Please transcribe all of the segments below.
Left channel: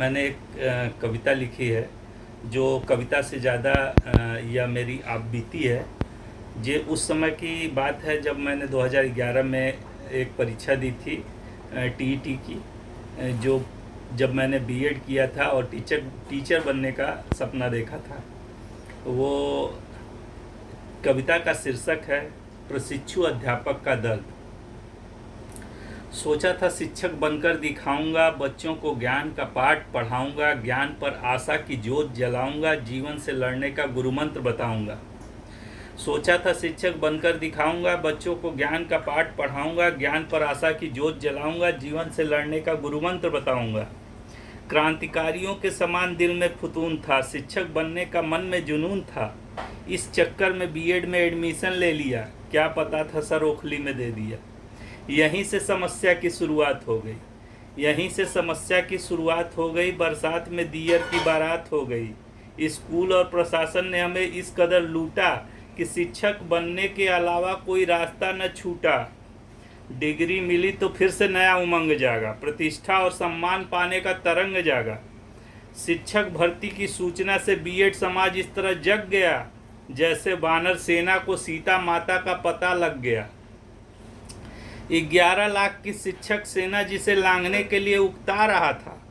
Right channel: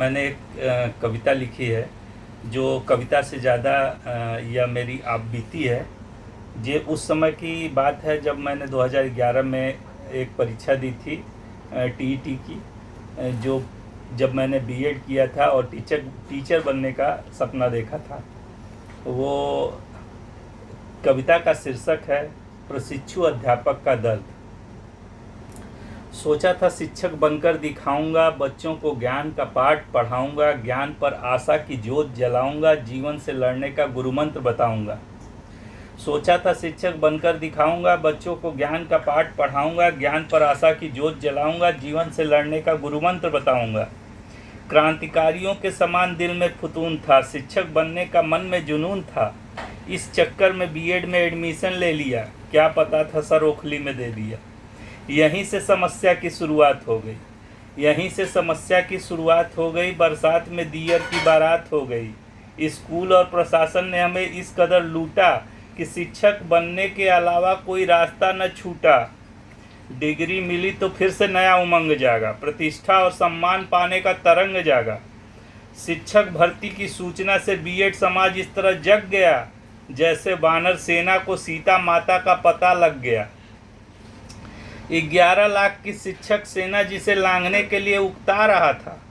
मैंने एक कविता लिखी है जो कविता से ज़्यादा यह मेरी आप बीती है। ये उस समय की बात है जब मैंने 2011 में एक परीक्षा दी थी टीईटी की, जो जब मैंने बीएड किया था और टीचर बनने का सपना देखा था। वो कविता का शीर्षक है प्रशिक्षु अध्यापक का दर्द। सोचा था शिक्षक बनकर दिखाऊंगा, बच्चों को ज्ञान का पाठ पढ़ाऊंगा, ज्ञान पर आशा की ज्योत जलाऊंगा, जीवन से लड़ने का गुरुमंत्र बताऊंगा। सोचा था शिक्षक बनकर दिखाऊंगा, बच्चों को ज्ञान का पाठ पढ़ाऊंगा, ज्ञान पर आशा की ज्योत जलाऊंगा, जीवन से लड़ने का गुरुमंत्र बताऊंगा। क्रांतिकारियों के समान दिल में फुतून था, शिक्षक बनने का मन में जुनून था। इस चक्कर में बीएड में एडमिशन ले लिया, क्या पता था सर ओखली में दे दिया। यहीं से समस्या की शुरुआत हो गई, यहीं से समस्या की शुरुआत हो गई। बरसात में दियर की बारात हो गई। स्कूल और प्रशासन ने हमें इस कदर लूटा कि शिक्षक बनने के अलावा कोई रास्ता न छूटा। डिग्री मिली तो फिर से नया उमंग जागा, प्रतिष्ठा और सम्मान पाने का तरंग जागा। शिक्षक भर्ती की सूचना से बीएड समाज इस तरह जग गया जैसे वानर सेना को सीता माता का पता लग गया। 11 लाख की शिक्षक सेना जिसे लांघने के लिए उकता रहा था,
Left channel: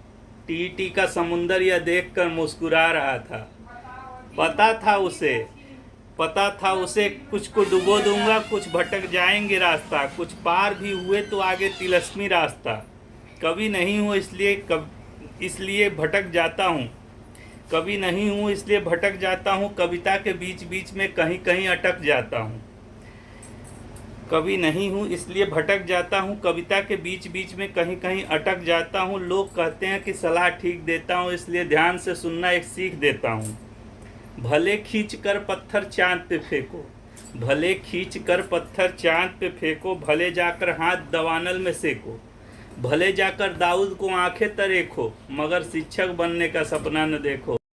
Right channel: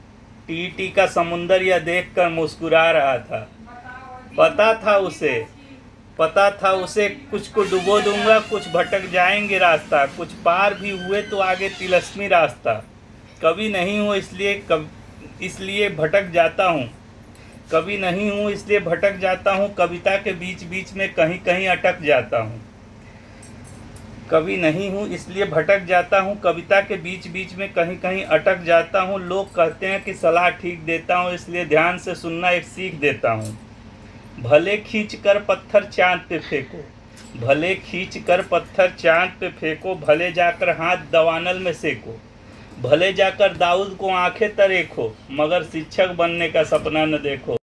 टीटी का समुंदर यह देखकर मुस्कुरा रहा था। पता था उसे कुछ को डुबो दूंगा, कुछ भटक जाएंगे रास्ता, कुछ पार भी हुए तो आगे तिलस्मी रास्ता। कभी नहीं हूँ इसलिए भटक जाता हूँ, कभी नहीं हूँ इसलिए भटक जाता हूँ, कविता के बीच बीच में कहीं कहीं अटक जाता हूँ। कभी नहीं हूँ इसलिए भटक जाता हूँ, कविता के बीच बीच में कहीं कहीं अटक जाता हूँ। लोग कहते हैं कि सलाह ठीक देता हूँ, इसलिए ध्यान से सुनना एक सीख देता हूँ। भले खींच कर पत्थर चांद पे फेंको, भले खींच कर पत्थर चांद पे फेंको, भले जाकर हाथ दवानल में सेको, भले जाकर दाऊद को आंखें तरेखो, मगर शिक्षक बनने का सपना न देखो।